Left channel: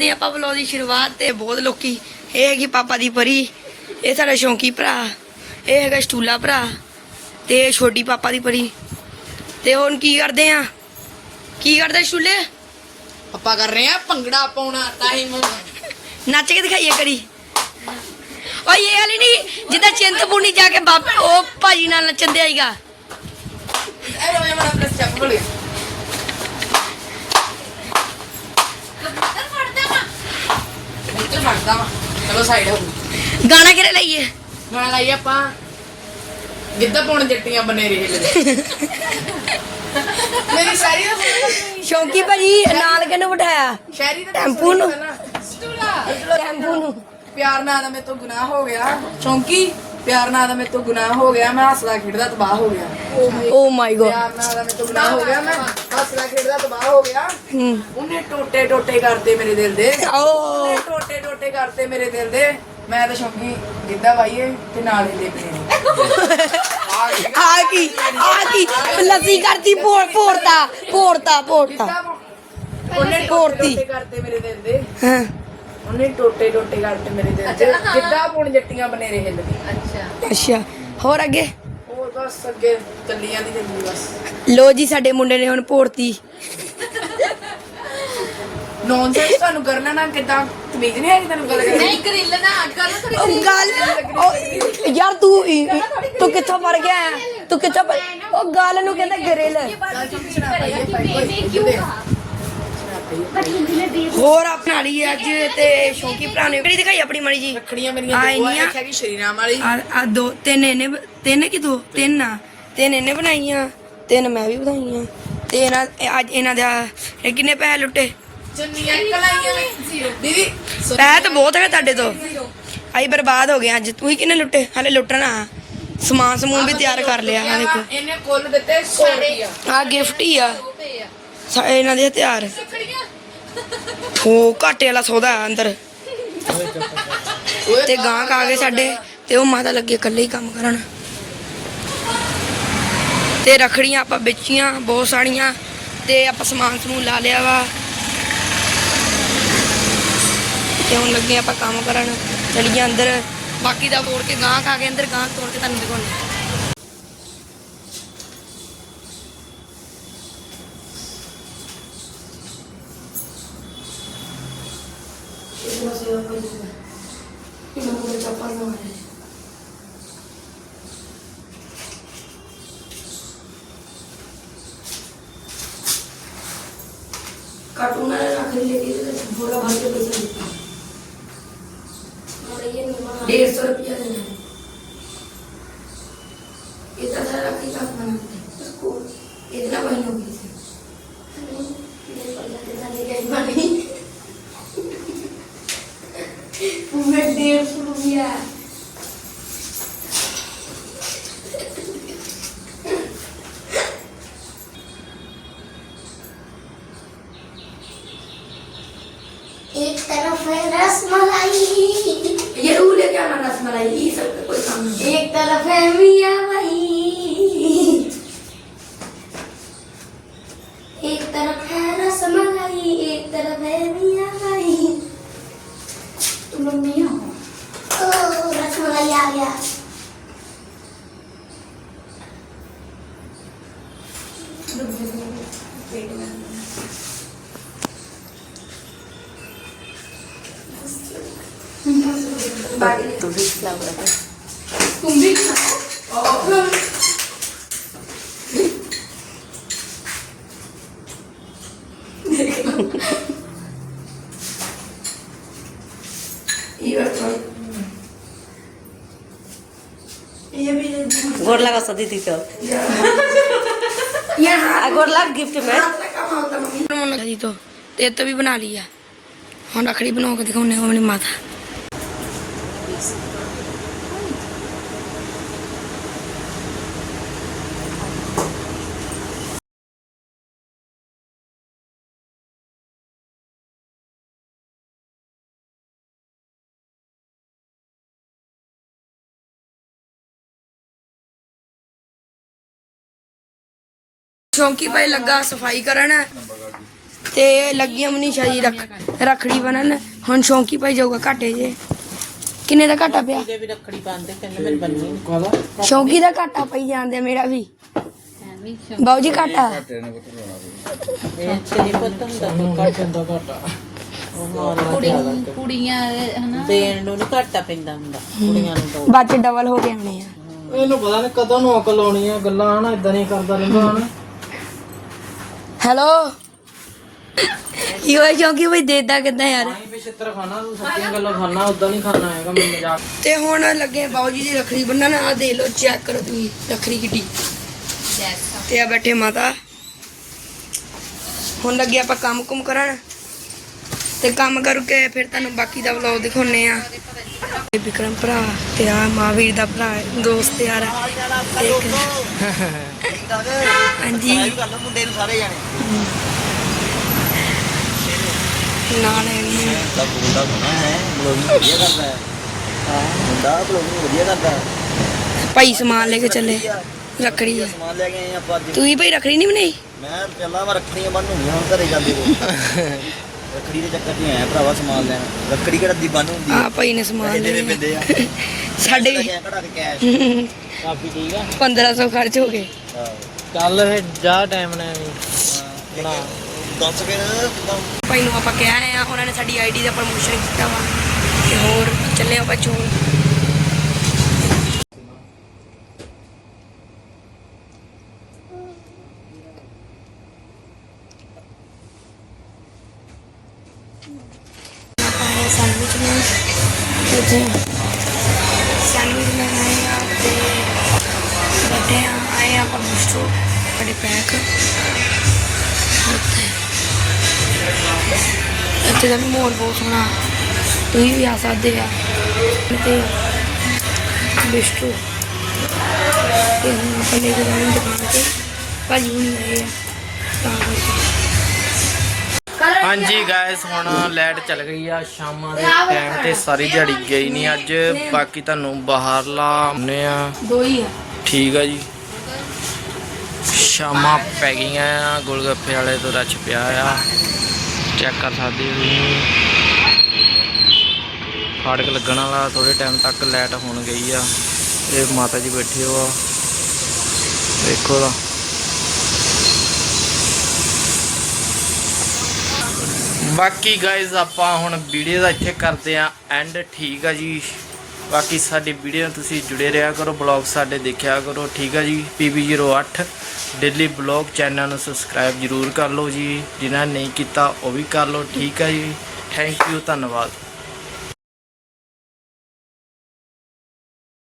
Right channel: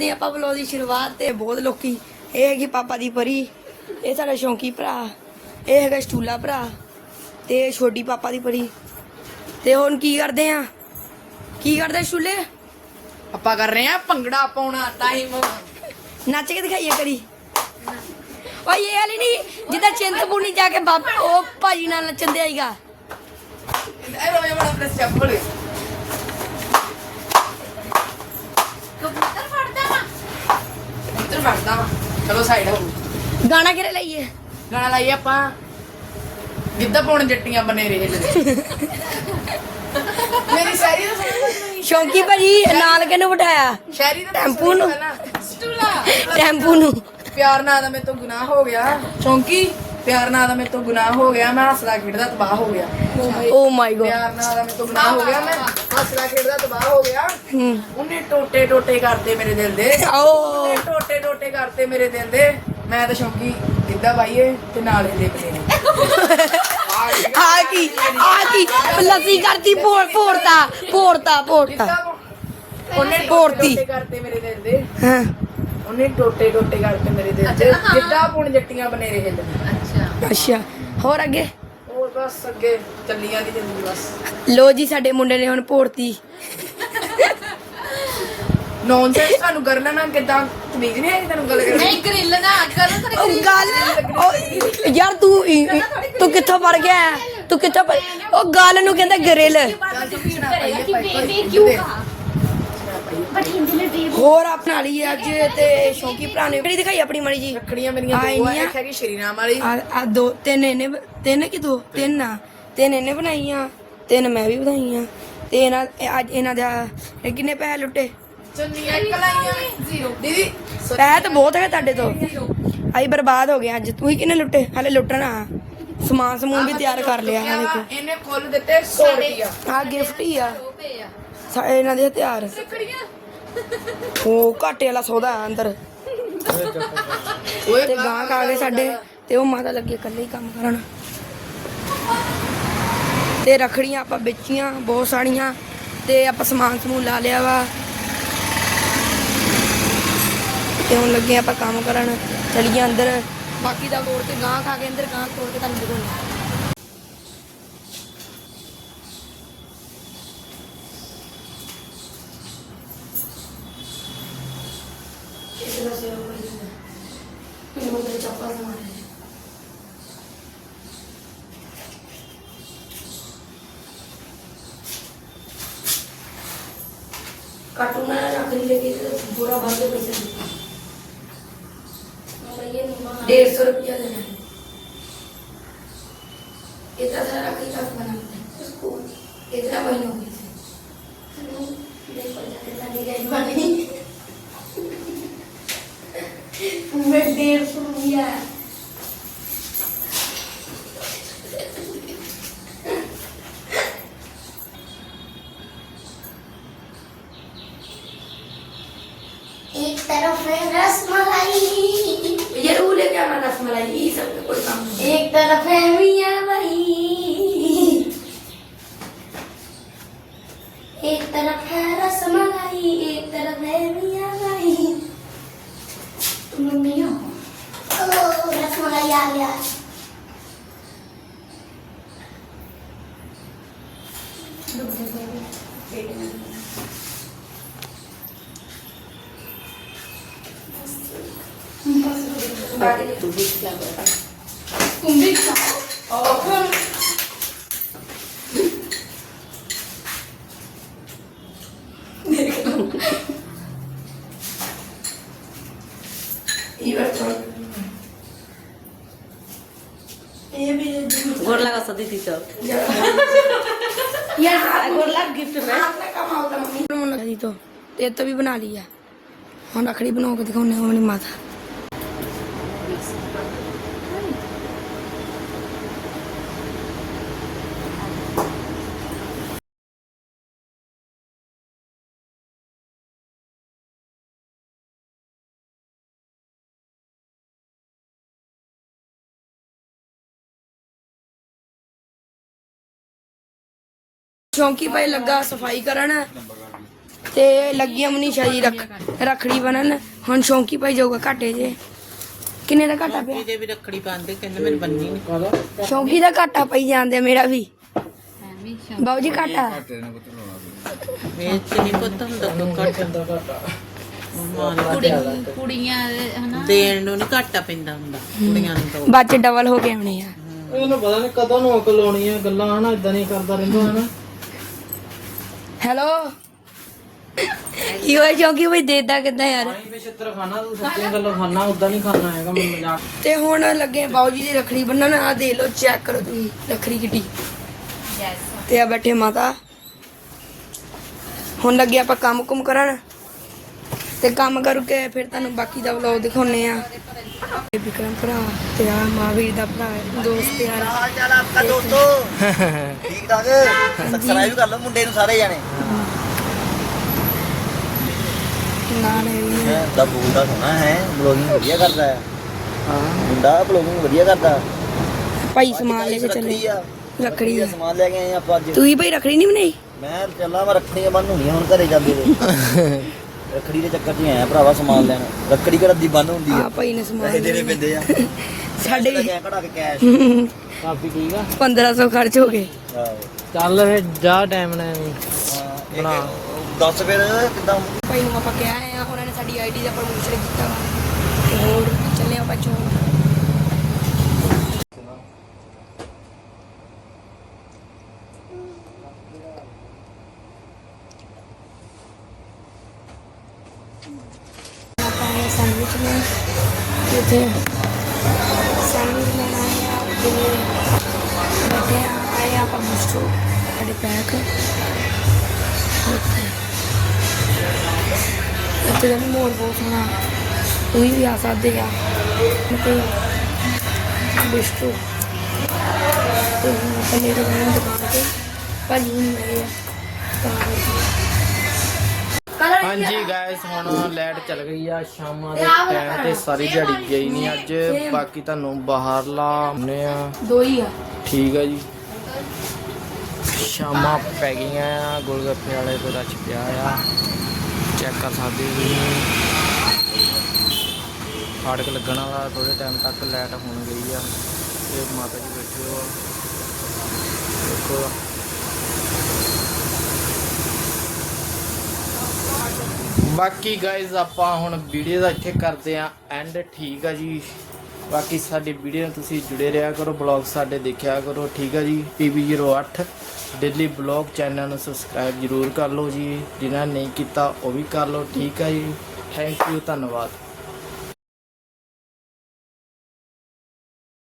ਕਰਦੇ ਹਾਂ ਆਪਾਂ ਵਲੌਗ ਦੀ ਸ਼ੁਰੂਆਤ ਤੇ ਬਹੁਤ ਲੋਕੀ ਇਹ ਹੈਗੀ ਪਾਪਾ ਦੀ ਪਰੀ ਇਹ ਸਾਡਾ ਸ਼ੌਂਕੀ ਭਰਾ ਇਹ ਹੈਗਾ ਸਟੂਲਾ ਭਰਾ ਤੇ ਇਹ ਛੋਟੀ ਪਾਪਾ ਦੀ ਪਰੀ। ਤੇ ਹੁਣ ਕੀ ਕਰਦੇ ਆ? ਕੀ ਕਰਦੇ ਸਟੂਲੇ? ਆਪਾਂ ਕਰ ਰਹੇ ਆ ਭੰਗੜਾ ਪਾਉਣਾ ਟਾਈਮ ਨੱਚ ਕੇ ਦਿਖਾਈਏ ਕਰੀ। ਓਏ ਇਹ ਵਾਲੀ ਨਹੀਂ ਜਿੱਦਾਂ ਚਿੰਤਪੂਰਨੀ ਜਾ ਕੇ ਬਾਬੇ ਉਹ ਭਾਜੀ ਨਾਲ ਨੱਚਣ ਦੇ ਆਈਗਾ ਐ ਰੋ ਮੈਂ ਆਪਣਾ ਸਟੈਪ ਭੁੱਲ ਗਿਆ। ਇੱਧਰ ਫੜਦਾ ਵਾ। ਚਲੋ ਸਾਈਡ ਹੋ ਗਾਣਾ ਕਿਹੜਾ ਲਈਏ? ਗਾਣਾ ਲਾਈਏ ਆਪਾਂ। ਜਿੱਦਾਂ ਪਾਉਣ ਜੱਟੀਆਂ ਬਨੇ ਰਹੇ ਮੇਰੀ ਸ਼ਾਇਰੀ ਦਾ ਸ਼ੌਂਕੀ ਭਾਜੀ ਨਾਲ ਕਿਹਨੂੰ ਬਿਠਾਇਆ? ਸ਼ਾਇਰੀ ਦਾ ਟੈਂਪੂ ਨੂੰ। ਟੈਂਪੂ ਨੂੰ। ਪਿਆਰ ਨਾਲ ਦਾ ਮੇਰੇ ਤੋਂ ਗੁਨਾਹ ਹੋ ਗਿਆ। ਚੌਂਕੀ ਪਿਆਰ ਨਾਲ ਦਾ ਮੇਰੇ ਤੋਂ ਗੁਨਾਹ ਹੋ ਗਿਆ। ਮੈਂ ਹੱਸਦਾ ਖੇਡਦਾ ਤਬਾਹ ਹੋ ਗਿਆ। ਓ ਮਾਈ ਗੋਡ ਪਿਆਰ ਨਾਲ ਦਾ ਮੇਰੇ ਤੋਂ ਗੁਨਾਹ ਹੋ ਗਿਆ। ਮੈਂ ਹੱਸਦਾ ਖੇਡਦਾ ਤਬਾਹ ਹੋ ਗਿਆ। ਹੂੰ। ਉਹਨੇ ਟੋਟੇ ਟੋਟੇ ਕਰਤੇ ਮੇਰੇ ਦਿਲ ਦੇ। ਓ ਟੋਟੇ ਕਰਤੇ ਮੇਰੇ ਦਿਲ ਦੇ। ਮੈਂ ਤਾਂ ਸ਼ੌਂਕੀ ਜਿੱਦਾਂ ਬਾਈਏ ਤੇ ਨਾਲ ਹੀ ਦੇਖਦੇ ਨੇ। ਆ ਕੀ ਆ ਕੀ? ਲੱਸੀ ਕਰਤੀ ਭੋਰ ਭੋਰਤਾ ਭੋਰਤਾ ਭੋਰਤਾ ਉਹਨੇ। ਟੋਟੇ ਕਰਤੇ ਮੇਰੇ ਦਿਲ ਦੇ। ਹਾਂ। ਉਹਨੇ ਟੋਟੇ ਟੋਟੇ ਕਰਤੇ ਮੇਰੇ ਦਿਲ ਦੇ। ਜਿੱਦਾਂ ਹੁਣ ਜੱਟੀਆਂ ਬਨੇਰੇ ਜਿੰਦਗੀ ਅੱਛਾ। ਹੋਰ ਅੱਗੇ? ਹੋਰ ਬਸ ਅੱਗੇ ਚੱਲੀਆਂ ਦੀ ਜ਼ਿੰਦਗੀ ਬਸ। ਲੋ ਜੀ ਸਾਡੇ ਮੁੰਡੇ ਨੇ ਹੁਣ ਭੋਰਤੀ ਨੌਨਸੈਂਸ ਤੁਹਾਨੂੰ ਕਰ ਲੈਣਾ ਕਿਦਾਂ ਤਮੀਜ਼ ਨਹੀਂ ਆਈ ਤੈਨੂੰ ਗੱਲ ਕਰਨੀ ਨਹੀਂ ਗਰਿੱਲ ਨਾ ਕਰਨ ਤੇ ਉਹ ਗੱਲ ਉਹ ਯਾਰ ਤੂੰ ਤੂੰ ਕਿੱਥੋਂ ਪੜ ਗਿਆ? ਹੈ? ਤੂੰ ਕਿੱਥੋਂ ਪੜ੍ਹ- ਉਹ ਗੱਲ ਨੂੰ ਕਹਿੰਦਾ ਗਰੇਲ ਹੋਰ ਆਪਣੀ ਵਾਲੀ ਅੱਜ ਤੇ ਸ਼ੌਂਕੀ ਭਰਾ ਨੇ ਕਿਹੜੀ ਦਿਖਾਈ ਆਪਣੀ ਮਾੜੀ ਜੀ। ਰੱਖੜੀਆਂ ਮੇਰੀਆਂ ਆ ਦੋ ਆ। ਇੱਕ ਹੈਗੀ ਸ਼ਰੀਰਾਮ ਵਾਲੀ। ਆ ਆ ਦੋ ਤਿੰਨ ਇਹਨੇ ਬ- ਤਿੰਨ ਕਿ ਦੋ? ਤਿੰਨ ਆ। ਤਿੰਨ ਇਹਨੇ ਬਣਾਈਆਂ। ਤਿੰਨ ਮੈਂ ਵੀ ਬਣਾਈਆਂ। ਤੇ ਇਹਨਾਂ ਇਹ ਅੱਜ ਇਹਨਾਂ ਦਾ ਇਹ ਕਿੰਨੇ ਪੈਸੇ ਲੁੱਟੇ? ਦੀਦੀ ਪੈਸੇ ਤਾਂ ਬਹੁਤ ਹੈ ਤੁਹਾਡੇ ਤੋਂ। ਆਈ ਬਰਬਾਦ ਹੋ ਗਏ ਅੱਜ। ਤੂੰ ਹੀ ਕਿੰਨੇ ਲੁੱਟੇ? ਹਲੇ ਲੁੱਟਣਾ ਸਮਾਨ ਸਮੂਨ ਵੀ ਤਿਆਰ ਕਰ ਲਿਆ ਆ ਦੇਖੋ। ਇਹਨੇ ਕੁੱਲ ਦਿੱਤੇ 100 ਰੁਪਇਆ ਆ ਗਿਫਟ ਹੀ ਆ। ਸਾ- ਇਹਨਾਂ ਦੇ ਹਥਿਆਰ। ਉਹ ਘਾਟੇ ਵਾਲਾ ਸੌਦਾ ਆ ਅੰਦਰ। ਤੇ ਗਾਂ ਖਾ ਗਏ ਸਾਡੇ। ਤੇ ਉਹ ਮਾਤਾ ਲੱਗੇ ਇਕੱਲੇ ਹੀ ਕੰਮ ਕਰਨ। ਤੇ ਰਖੜੀਆਂ ਆਪਾਂ ਵੇਚੀਆਂ ਬਹੁਤ ਸਾਰੀਆਂ। ਤੇ ਆਪਾਂ ਸਮਾਨ ਸਮੂਨ ਲਾ ਲਿਆ ਵਾ। ਤੇ ਹੁਣ ਲੱਗੇ ਆਪਾਂ ਕੰਮ ਕਰਨ ਚਲੀਆਂ ਅੰਦਰ ਬਾਕੀ ਦਾ ਤੋੜ ਕੇ ਗਾਂ ਖਾ ਕੇ ਅੰਦਰ ਗਾਂ ਤੋੜ ਕੇ ਤੁਹਾਨੂੰ ਦਿਖਾਉਂਦੇ ਇਤਨਾ ਸੇਵਾ ਕੋਈ ਨਹੀਂ ਕਿਨੂੰ ਮੇਰੇ ਪਾਪਾ ਨੇ ਮਾਰੇ कार्टून रख नहीं लेके तो पूरा भर के पैसा देता डेढ़ सौ रुपया देना है इतना सारा रख ही पास बनाते हैं उसको इतना महीने हो गए थे मैं डेढ़ सौ रुपया तुम लोग मियाँ हो ओ रसमलाई आ गया ये रसमलाई गोर लगा सदी थी तो गोर लग गिफ्ट में तो ये तो भी बना लिया हम रखड़ी बनाओगे दिखाओ अपनी माता ਚੌਂਕੀ ਪਏ ਲੱਗਾ ਸਫ਼ਾਈ ਕਰਨ। ਤੇ ਲੱਗੀਆਂ ਮਨੀਸ਼ਾ ਜੀ ਰੱਖ ਰੱਖੜੀ ਬਣਨ ਹੁਣ ਸ਼ੌਂਕੀ ਭਾਈ ਜਾਊਗਾ ਘਾਟੇ ਜੇ। ਕਿੰਨੇ ਦਾ ਘਾਟਾ ਪਿਆ? ਵੀ ਰੱਖੜੀ ਪਾਉਂਦੇ ਕਹਿੰਦੇ ਮੈਨੂੰ ਬੰਨੀ ਨਹੀਂ ਸ਼ੌਂਕੀ ਦਾ ਘਾਟਾ ਪਈ ਜਾਂਦੇ ਮੇਰਾ ਵੀ। ਬਾਊ ਜੀ ਘਾਟਾ? ਨਹੀਂ ਪਤਾ ਹੁੰਦਾ ਕੁੜੀਆਂ ਹਨਾ? ਦੇਣ ਨੂੰ ਨਹੀਂ ਘਾਟਾ ਪੈਂਦਾ ਹੁੰਦਾ ਕੁੜੀਆਂ ਨੂੰ ਤਾਂ। ਬਾਅਦ ਚ ਡਬਲ ਹੋ ਗਏ ਹੋਣੇ ਆ। ਇਹਨੂੰ ਪਤਾ ਨਹੀਂ ਕਦੋਂ ਨੂੰ ਅਕਲ ਆਉਣੀ ਆ ਗੱਲਾਂ ਹਨਾ? ਇਦਾਂ ਨਹੀਂ ਕਰਦਾ ਰਹਿੰਦਾ ਹਨਾ? ਹੈਲੋ। ਹੋਇਆ ਸ਼ੌਂਕੀ ਭਾਈ ਦੇਦਾ ਕਿੱਦਾਂ ਯਾਰ? ਖਾਣਾ ਤੂੰ ਸੱਚੀ ਗੱਲੋਂ ਖਾਣਾ ਉਦਾਂ ਨਹੀਂ ਖਾਣਾ ਹੈਗਾ ਮੈਂ ਮਜ਼ਾਕ। ਤੇ ਹੁਣ ਲੱਗੇ ਬਾਊ ਜੀ ਦੀ ਰੱਖੜੀ ਬੰਨਣ ਆ ਦੇ ਲੋ ਚੈੱਕ ਕਰੋ ਤੁਸੀਂ ਰੱਖੜੀ ਕਿੱਡੀ। ਤੇ ਆ ਬੈਠੇ ਮਾਤਾ। ਹੁਣ ਲੱਗੇ ਆਪਾਂ ਕੰਮ ਕੁਮ ਕਰਨ। ਤੇ ਕੰਮ ਕਰਕੇ ਫਿਰ ਤੁਹਾਨੂੰ ਬਾਕੀ ਦਾ ਵਲੌਗ ਦਿਖਾਉਣੇ ਆ ਇਹ ਵਿਕਰਮ ਭਰਾ ਤੇ ਆ ਮਹਾਵੀਰ ਦਾ ਭਰਾ ਦੋਸਤ ਯਾਰ। ਹਾਂਜੀ। ਕਰ ਲਓ ਮੁੰਡੇ ਨੂੰ ਸਾਰੇ ਜਾਣੇ। ਨਾਲ ਹੈਗੇ ਆ। ਦਾ ਮੁੰਡਾ ਸੋਹਣਾ ਹੈ। ਬਲੋਗਿੰਗ ਵਧੀਆ ਕਰਦਾ ਹੈ ਹਾਂ ਮੁੰਡਾ ਬਲੋਗਿੰਗ ਵਧੀਆ ਕਰਦਾ ਹੈ ਭਾਈ ਸਮਾਨ ਲੈ ਕੇ ਚੱਲੇ ਰੱਖੜੀ ਆ। ਸਮਾਨ ਲੈ ਕੇ ਆਏ ਆਪਾਂ ਅੱਜ ਤੁਸੀਂ ਭਾਈ ਰੱਖੜੀ ਨਹੀਂ ਬਣਾਈ? ਮੈਂ ਚੱਲਾਂ ਮੈਂ ਰੱਖੜੀਆਂ ਬੰਨ ਹੁੰਦੀਆਂ ਹੁਣ ਘਰੇ ਜਾਂਦੇ ਰੱਖੜੀ ਦੇ ਚੱਕਰ 'ਚ ਹੀ ਆਇਆ ਭਰਾਵਾ ਸਮਾਨ ਲੈਣ ਰੱਖੜੀ ਕਿਹੜਾ ਦੀ ਬੰਨ ਹੁੰਦੀ ਆ ਭਾਈ ਨੇ ਸਮਾਨ ਪੈਸੇ ਲੈ ਦੇਣੇ। ਪੈਂਦੇ ਆ ਸਾਡੇ ਵੀ। ਗਿਆ ਕਢਾ ਕੇ ਕੈਸ਼ ਕਾਫੀ ਠੀਕ ਆ 1500 ਖਰਚ ਹੋ ਗਏ। ਹਾਂ ਜਾ ਟਾਈਮ ਨਾਲ। ਬਣਾ। ਦੱਸ ਫਿਰ ਕਿੱਦਾਂ? ਭਾਈ ਨੂੰ ਆਪਾਂ ਕਿਹਾ ਆ, ਉਹਨਾਂ ਨੇ ਸਾਡੀ ਆਈਡੀ ਦਾ ਪ੍ਰਮੋਸ਼ਨ ਕੀਤਾ ਵਾ। ਤੇ ਹੋਰ ਚੱਲੇ ਆਪਾਂ ਚੂਲ ਤੇ ਬਿਸਟੂ। ਤੇ ਭਾਜੀ। ਹਾਂਜੀ ਗਾਇਸ ਹੁਣ ਲਾਈਟ ਚੱਲ ਗਈ ਆ ਸ਼ਾਮਾਂ ਦੇ ਟਾਈਮ ਤੇ ਸਾਰੀ ਦਿਹਾੜੀ ਗਈ ਨਹੀਂ ਅੱਜ। ਬਾਕੀ ਤੁਹਾਨੂੰ ਬਾਹਰਲਾ ਆਉਂਦੇ ਆ। ਦੋ ਹੀ ਆ। ਠੀਕ ਆ ਜੀ। ਸ਼ਾਮਾਂ ਪੈ ਗਈਆਂ ਆ ਗੋਲਗੱਪੇ ਵਾਲੇ ਤੋਂ ਰੱਛ ਪਿਆ ਆ। ਚੈੱਕ ਕਰ ਸਕਦੇ ਹੋ ਫਾੜਕ ਲੱਗਣ ਵਾਲਾ ਥੋੜੇ ਟਾਈਮ ਤੱਕ ਲਾਈਟ ਹੋਣ ਗਈ ਆ। ਇਹ ਮਾਤਾ ਜੀ ਬੈਠੇ ਹੋ ਆ। ਦੇਖੋ ਦਾ ਬਾਕੀ ਗਾਇਜ਼ ਆਪਾਂ ਹੁਣ ਵੀਡੀਓ ਦਾ ਇੱਥੇ ਕਰਦੇ ਆ ਐਂਡ ਠੀਕ ਆ ਜੀ। ਬਾਕੀ ਸਾਡੀ ਵੀਡੀਓ ਨਾਲ ਤੁਸੀਂ ਜੁੜੇ ਰਿਹਾ ਕਰੋ ਬਲੌਗ ਸਾਡੇ ਦੇਖਿਆ ਕਰੋ, ਠੀਕ ਆ ਜੀ। PB08 ਡੇਲੀ ਬਲੌਗ ਚੈਨਲ ਨੂੰ ਸਬਸਕ੍ਰਾਈਬ ਜਰੂਰ ਕਰ ਲਓ ਜੀ। ਜਿਨ੍ਹਾਂ ਨਹੀਂ ਕੀਤਾ, ਉਹ ਵੀ ਕਰ ਲਓ, ਠੀਕ ਆ ਜੀ। ਥੈਂਕ ਯੂ ਧੰਨਵਾਦ।